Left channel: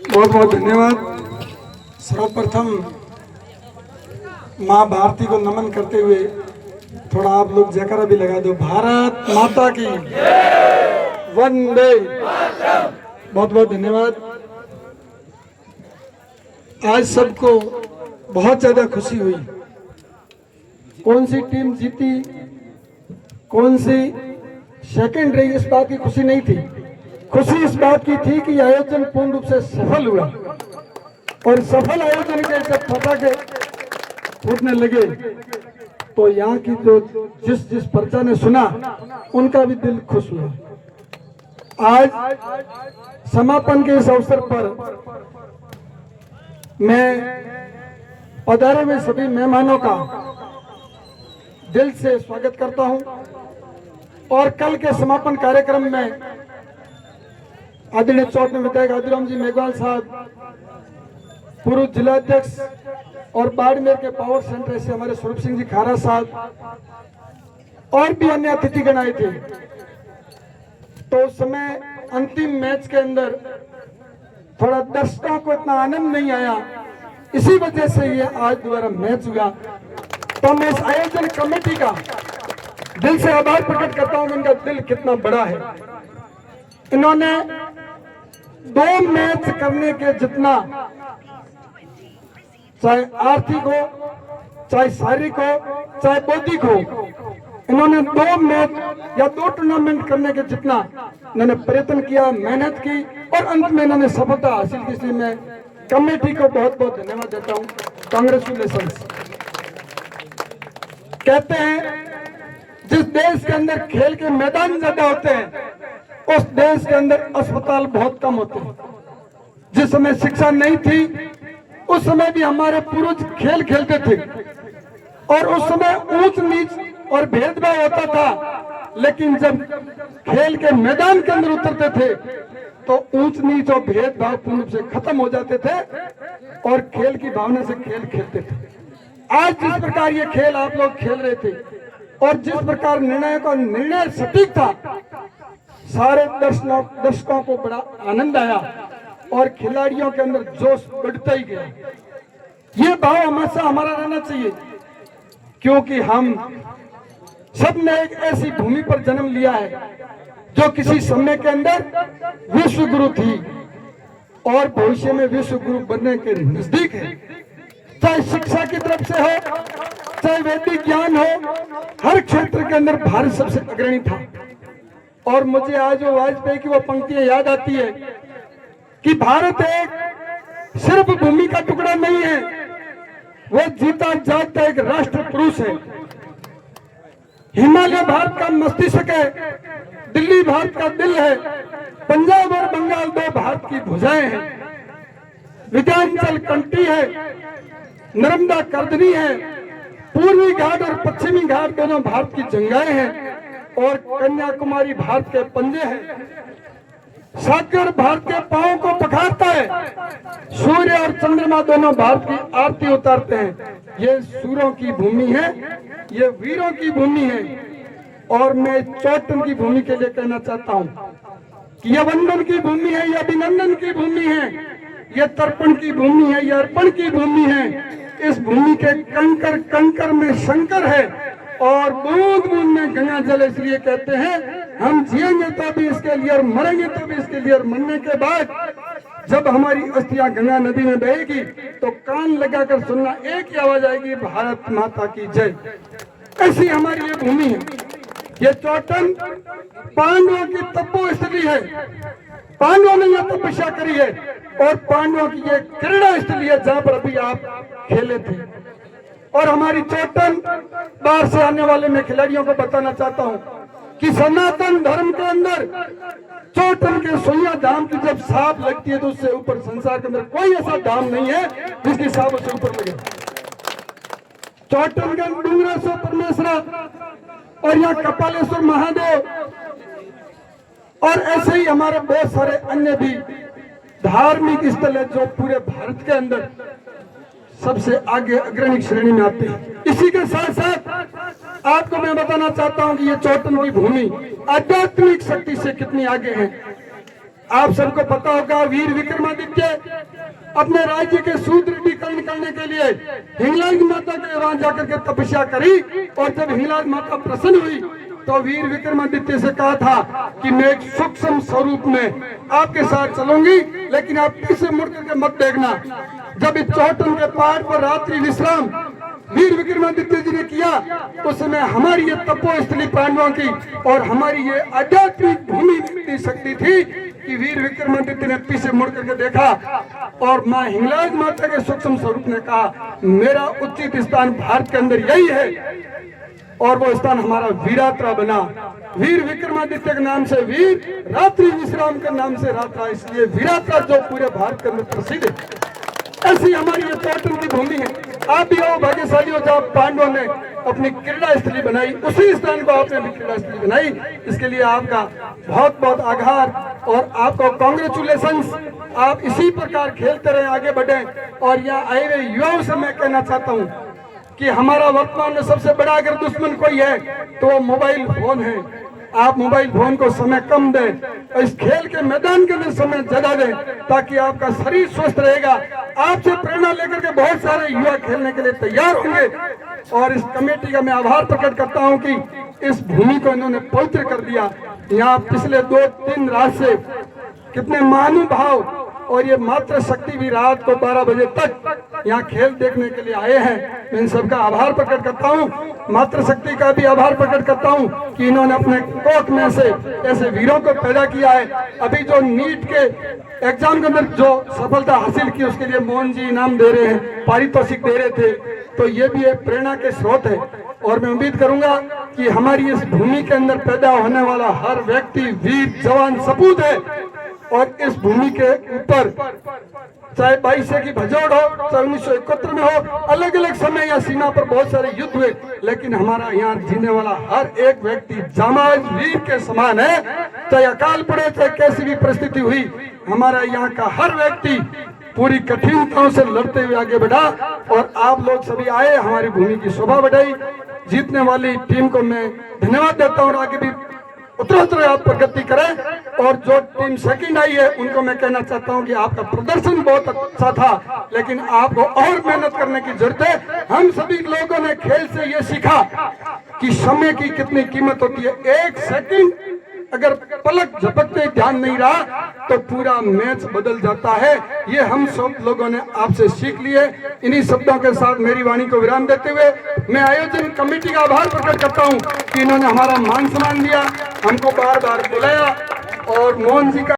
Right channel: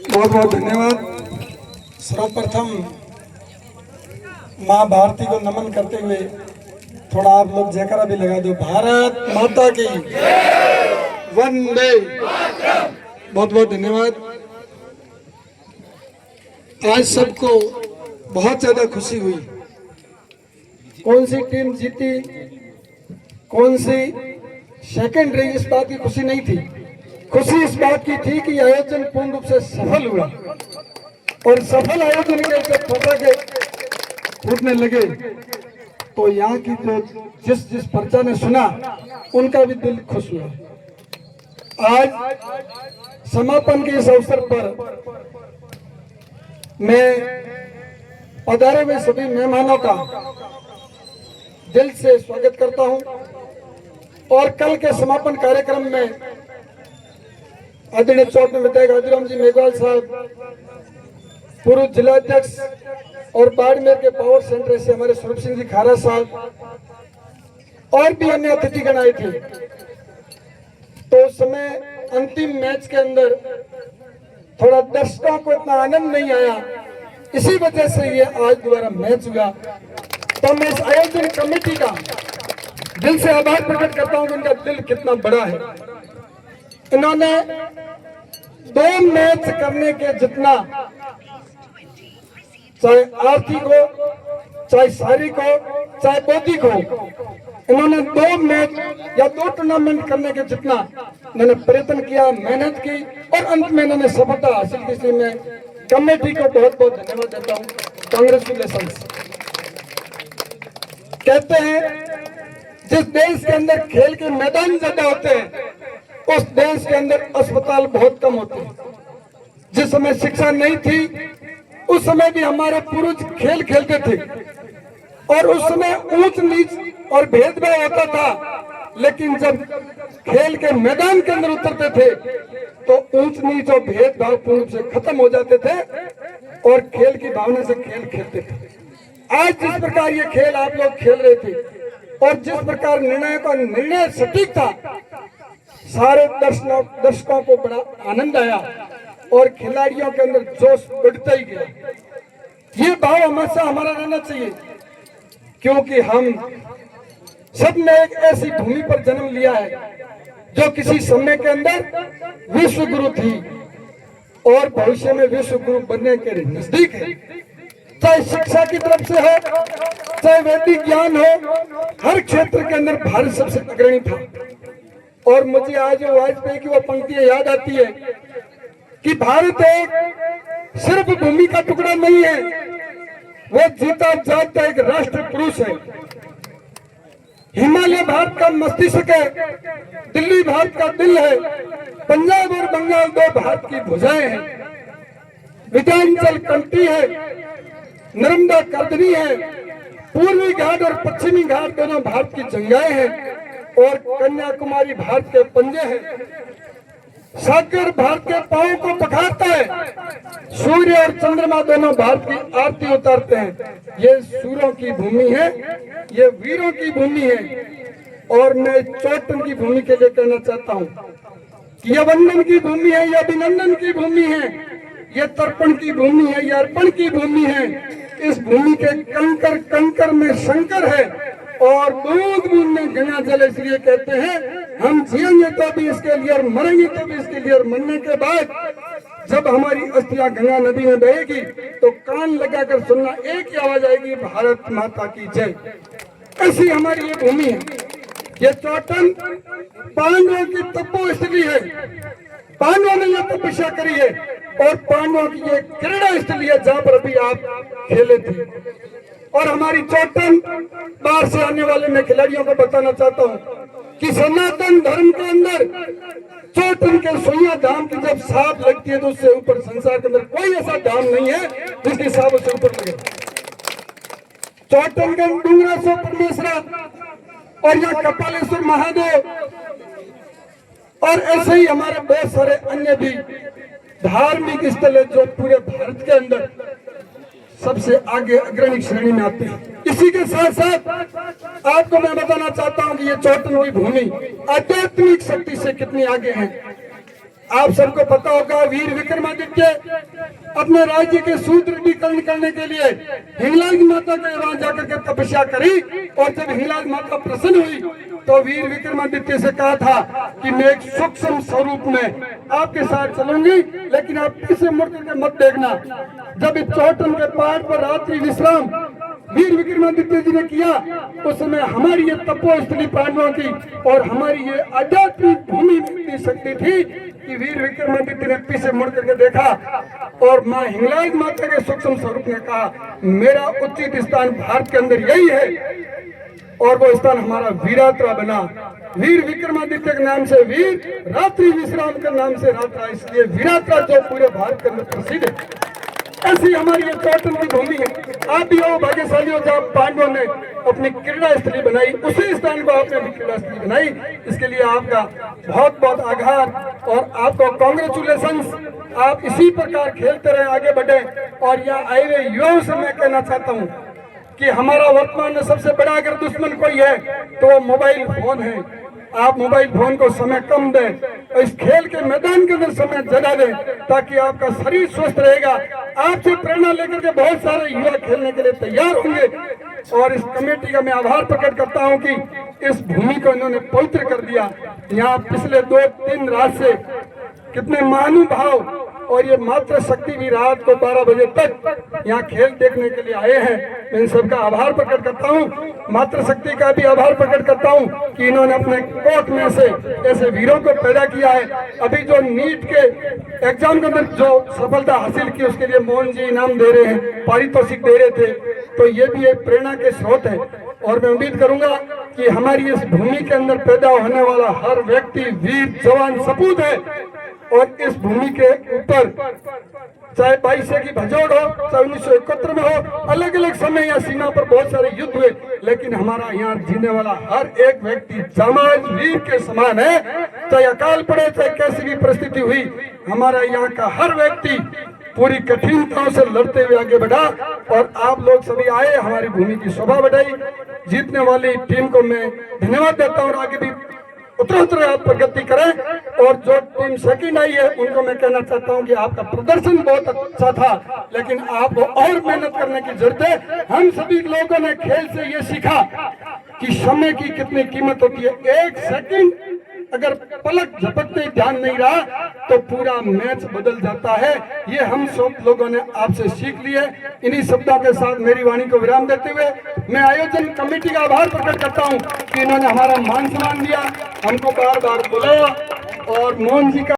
बहुत बहुत धन्यवाद। सर्वप्रथम माँ भारती को नमन करते हुए थोड़ा आप लोग जयकारा भी लगा दो। भारत माता की वंदे। बहुत बहुत धन्यवाद। आज सबको बहुत ज्यादा खुशी हुई। कौन सी टीम जीती, कौन सी सेकंड रही, इस बात की खुशी नहीं थी। खुशी इस बात की थी कि आयोजन पूर्ण रूप से सफल हुआ और सफल आयोजन के जब पटाखे फूटने लगे तो यहाँ की जो जिस प्रजा ने सुना उनका भी दिल खुश हुआ। आज समापन के इस अवसर पर मैं पधारे हुए सभी मेहमानों का दिल से स्वागत करता हूं और कल के समापन कार्यक्रम में आदरणीय चौथ विधायक आदिराम जी मेघवाल साहब, पूर्व जिलाध्यक्ष और बाड़मेर के पावर सेंटर से हमारे स्वरूप सिंह जी खारा साहब और भी अन्य अतिथिगण आए थे। तो उस समय अंतिम मैच के अंदर थोड़ा दर्शकों को इतना आनंद नहीं आया, इसी वजह से ये आज दोबारा मैच हुआ। तो मैं इस आयोजन कमेटी का दिल से आभार प्रकट करता हूं। उनका दिल कितना बड़ा है। इन्होंने 2 मैच करने के जितना, चाहे आर्थिक हो, चाहे शारीरिक हो, चाहे बौद्धिक हो, इन्होंने 2 मैच या 2 टूर्नामेंट करने के जितना इन्होंने प्रयत्न किया, मेहनत की और अंत में इन्होंने सफलता हासिल की। इसलिए मैं कमेटी को बहुत बहुत धन्यवाद देता हूं। कांग्रेचुलेशन। कहते हैं जिस देश के अंदर खेल के मैदान ज्यादा होते हैं उस देश के अंदर अस्पताल बहुत कम होते हैं। जिस समय शिक्षा नहीं थी उस समय भी हमारे पूर्वज खेल खेलते थे और उस समय ऊंच नीच और भेदभाव होता था, लेकिन जब खेल के मैदान के अंदर उतरते थे तो ऊंच नीच और भेदभाव पूर्ण रूप से खत्म हो जाते थे और खेल की भावना से खेल खेलते थे। आज जिस प्रकार ये खेल आप लोग खेल रहे थे और जिस प्रकार निर्णय का निर्णय सटीक था, सारे दर्शकों को बड़ा आनंद आया और खिलाड़ियों के अंदर जोश बढ़ता ही गया। ये भाव हमेशा हमारा रहना चाहिए, क्योंकि हम सबने एक ऐसी भूमि पर जन्म लिया है जो किसी समय के अंदर विश्व गुरु थी और भविष्य में विश्व गुरु बनने के नजदीक है। चाहे शिक्षा की तरफ से हो, चाहे वैदिक ज्ञान हो, हर क्षेत्र के अंदर भारत सबसे अग्रणी था। और मुझे आज वाजपेयी की वो पंक्तियां याद आती है कि भारत एक सिर्फ भूमि का टुकड़ा नहीं है, वो जीता जागता एक राष्ट्र पुरुष है। हिमालय भारत का मस्तिष्क है, दिल्ली भारत का दिल है, पंजाब और बंगाल 2 भारत की भुजाएं हैं, विंध्याचल कंठी है, नर्मदा कर्दनी है, पूर्वी घाट और पश्चिमी घाट दोनों भारत की जंगाएं हैं और कन्याकुमारी भारत के पंजे हैं। सागर भारत के पांव को पखारता है, सूर्य और चंद्रमा दोनों भारत की आरती उतारते हैं। ये सूरों की भूमि है, ये वीरों की भूमि है। और मैं चौटन की भूमि के लिए कहना चाहता हूं कि यह वंदन की भूमि है, यह अभिनंदन की भूमि है, यह तर्पण की भूमि है, यह अर्पण की भूमि है। इस भूमि के कंकर कंकर में शंकर है और बूंद बूंद में गंगा जल। इसलिए कहते हैं हम जिएंगे तो भी इसके लिए और मरेंगे तो भी इसके लिए। और मरने के बाद जब हमारी अस्थियां गंगा नदी में बहेगी तो कान लगाकर सुनना, एक ही आवाज आएगी, भारत माता की जय। ऐसी हमारी ये भूमि है। ये चौटन पांडवों की तपो स्थली है, पांडवों ने यहाँ तपस्या करी है और पांडवों की ये क्रीड़ा स्थली है जहाँ पर अभी आप खेले थे। और हमारी चौटन, बाहर से आने वाले मैं खिलाड़ियों को बताना चाहता हूँ कि सनातन धर्म के अंदर चौटन के सुइया धाम की जब सांप लगती है तो उससे ऊपर संसार के अंदर कोई ऐसा धाम नहीं है जिसकी सांप उससे ऊपर लगे। चौटन का डूंगरा सो परमेश्वरा और यहाँ कपालेश्वर महादेव और ऐसे ही हमारे बहुत सारे अन्य भी धार्मिक स्थल है जो पूरे भारत के अंदर सबसे आगे अग्रणी श्रेणी में आते हैं। इसी के साथ साथ आपको मैं बताना चाहता हूं कि ये चौटन की भूमि आध्यात्मिक शक्ति से कितनी आगे है। आप सबको पता होगा वीर विक्रमादित्य अपने राज्य के सुदृढ़ीकरण करने के लिए हिंगलाज माता के वहां जाकर के तपस्या करी, और जब हिंगलाज माता प्रसन्न हुई तो वीर विक्रमादित्य से कहा था कि मैं एक सूक्ष्म स्वरूप में आपके साथ चलूंगी, लेकिन आप पीछे मुड़ करके मत देखना। जब इस चौटन के पहाड़ पर रात्रि विश्राम वीर विक्रमादित्य जी ने किया, उस समय हमारी ये तपोस्थली पांडवों की और हमारी ये आध्यात्मिक भूमि इतनी शक्ति थी कि वीर विक्रमादित्य ने पीछे मुड़ करके देखा और मां हिंगलाज माता के सूक्ष्म स्वरूप ने कहा, मेरा उचित स्थान भारत के अंदर यही है, और वो स्थान हमारा वीरात्रा बना। वीर विक्रमादित्य के नाम से वीर, रात्रि विश्राम के नाम से रात्रा, इसलिए वीरात्रा जो पूरे भारत के अंदर प्रसिद्ध है। ऐसी हमारी ये चौटन की भूमि है। आप भी हो भाग्यशाली हो जब पांडवों ने अपनी क्रीड़ा स्थली बनाई, उसी स्थान को आपने भी क्रीड़ा स्थली बनाई। इसके लिए आपका बहुत बहुत आभार और आपको कांग्रेचुलेशंस। आप इसी प्रकार खेलते रहे, आगे बढ़े। और यहाँ आए हुए युवाओं से मैं कहना चाहता हूँ कि हमारा वर्तमान में सबसे बड़ा अगर दुश्मन कोई है तो वो मोबाइल फोन है। आप मोबाइल फोन को समय कम दें, इस खेल के मैदान के अंदर समय ज्यादा दें, ताकि आपका शरीर स्वस्थ रहेगा। आपसे प्रेरणा लेकर के बहुत सारे युवा खेलने के लिए तैयार होंगे। और इस कमेटी का मैं आभार प्रकट करता हूं कि इस भूमि को इन्होंने पवित्र कर दिया। यहाँ पिछले 2-3 रात से कितने महानुभाव और ये मातृ शक्ति भी रात को 12 बजे तक यहाँ खेल देखने के लिए आए हैं। मैं इन सबका आभार प्रकट करता हूँ। मातृ शक्ति का भी आभार प्रकट करता हूँ कि इन्होंने अपने कोख में से ऐसे वीरों को पैदा किया है। अभी जो नीट के एग्जाम के अंदर जो सफलता हासिल की, उसके लिए मोहन जी इनाम दे रहे हैं, पारितोषिक दे रहे थे, तो ये भी एक प्रेरणा के स्रोत है। और मैं उम्मीद करूंगा कि हमारी इस भूमि के अंदर पैदा होने वाला हर व्यक्ति वीर जवान सपूत है। और इस भूमि के ऊपर चाहे 22 की भजोड़ हो, चाहे 1971 में हो, अलग अलग समय या सीमा पर बहुत सारे युद्ध हुए, लेकिन हमारा यहाँ जीने वाला हर एक व्यक्ति जामाज वीर के समान है। चाहे अकाल पड़े, चाहे कैसी भी परिस्थिति हुई, हमारा यहाँ का हर व्यक्ति पूरी कठिनताओं से लड़ते हुए आगे बढ़ा। और आप लोग सभी आए, हमारी भूमि की शोभा बढ़ाई। जीतने वाली टीम को मैं धन्यवाद देता हूँ और आगे भी उत्तरोत्तर आप प्रगति करें। और जो टीम सेकंड आई है उनको मैं कहना चाहता हूं कि आपका प्रदर्शन बहुत अच्छा था, लेकिन आपको और मेहनत करने की जरूरत है। हम सभी लोगों ने खेल से ये सीखा कि समय की कितनी कीमत होती है। 1 सेकंड अगर पलक झपकते ध्यान नहीं रहा तो पूरा मैच बदल जाता है। ये हम सब लोगों ने आपसे सीख लिए। इन्हीं शब्दों के साथ मेरी वाणी को विराम देते हुए मैं आयोजन कमेटी का आभार प्रकट करता हूं कि इन्होंने हमारा मान सम्मान दिया, हमको बार बार बुलाया। और मोहन जी का